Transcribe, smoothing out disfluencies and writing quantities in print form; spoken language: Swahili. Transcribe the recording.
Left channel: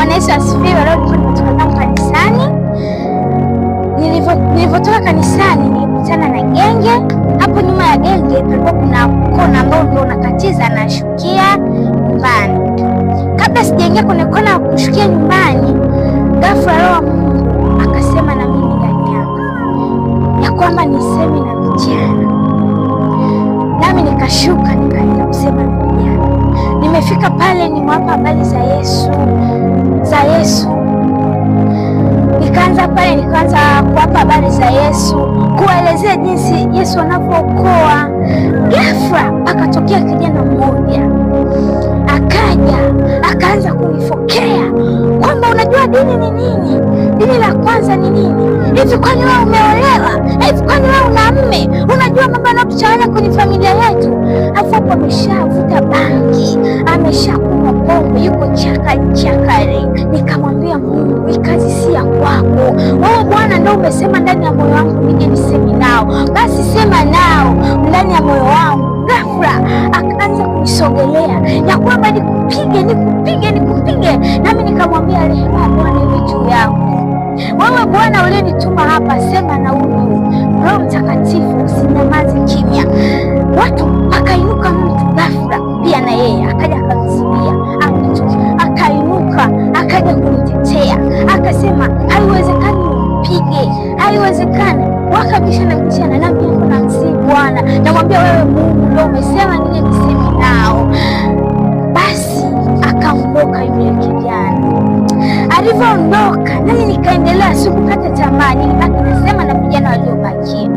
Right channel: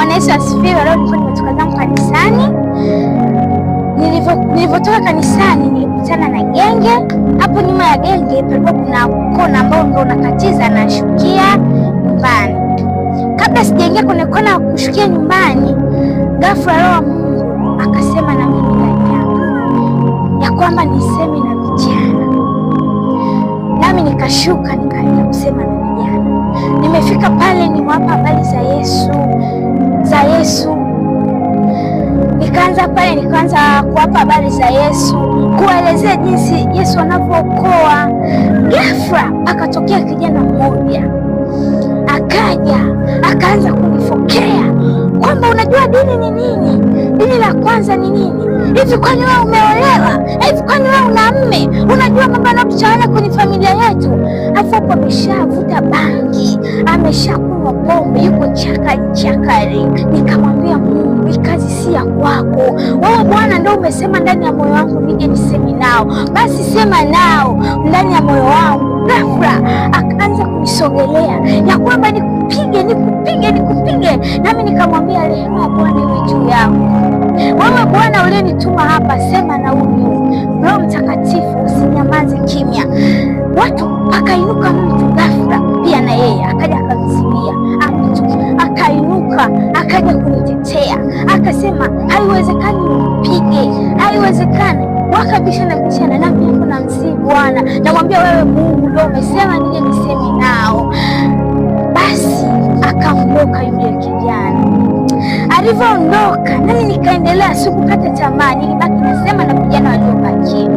Bwana Yesu asifiwe. Leo nilikuwa nimetoka zangu kanisani. Nilivyotoka kanisani nilikutana na genge. Hapo nyuma ya genge palikuwa kuna kona ambayo ndio unakatiza na shukia nyumbani. Kabla sijaingia kwenye kona kushukia nyumbani, ghafla Roho wa Mungu akasema na mimi ndani yangu ya kwamba niseme na vijana. Nami nikashuka nikaenda kusema na vijana. Nimefika pale nimewapa habari za Yesu. Nikaanza kuwapa habari za Yesu, kuelezea jinsi Yesu anavyookoa. Ghafla akatokea kijana mmoja, akaanza kunifokea kwamba unajua dini ni nini? Dini la kwanza ni nini? Hivi kwani wewe umeolewa? Hivi kwani wewe una mme? Unajua mambo yanayotuchanganya kwenye familia yetu? Alafu hapo ameshavuta bangi, ameshakunywa pombe, yuko chakari. Nikamwambia Mungu, hii kazi si ya kwako. Wewe Bwana ndio umesema ndani ya moyo wangu nije niseme nao. Basi sema nao ndani ya moyo wangu. Ghafla akaanza kunisogelea ya kwamba nikupige. Nami nikamwambia rehema ya Bwana iwe juu yangu. Wewe Bwana uliyenituma hapa, sema na huyu Roho Mtakatifu, usinyamaze kimya. Watu akainuka mtu ghafla pia na yeye akaja akamzidia, akainuka akaja kunitetea, akasema haiwezekani umpige, haiwezekani. Wakabishana, nami hapo na msii Bwana, namwambia wewe Mungu ndio umesema nije niseme nao. Basi akaondoka yule kijana. Alivyoondoka nami nikaendelea, sikukata tamaa, nilibaki nasema na vijana waliobakia.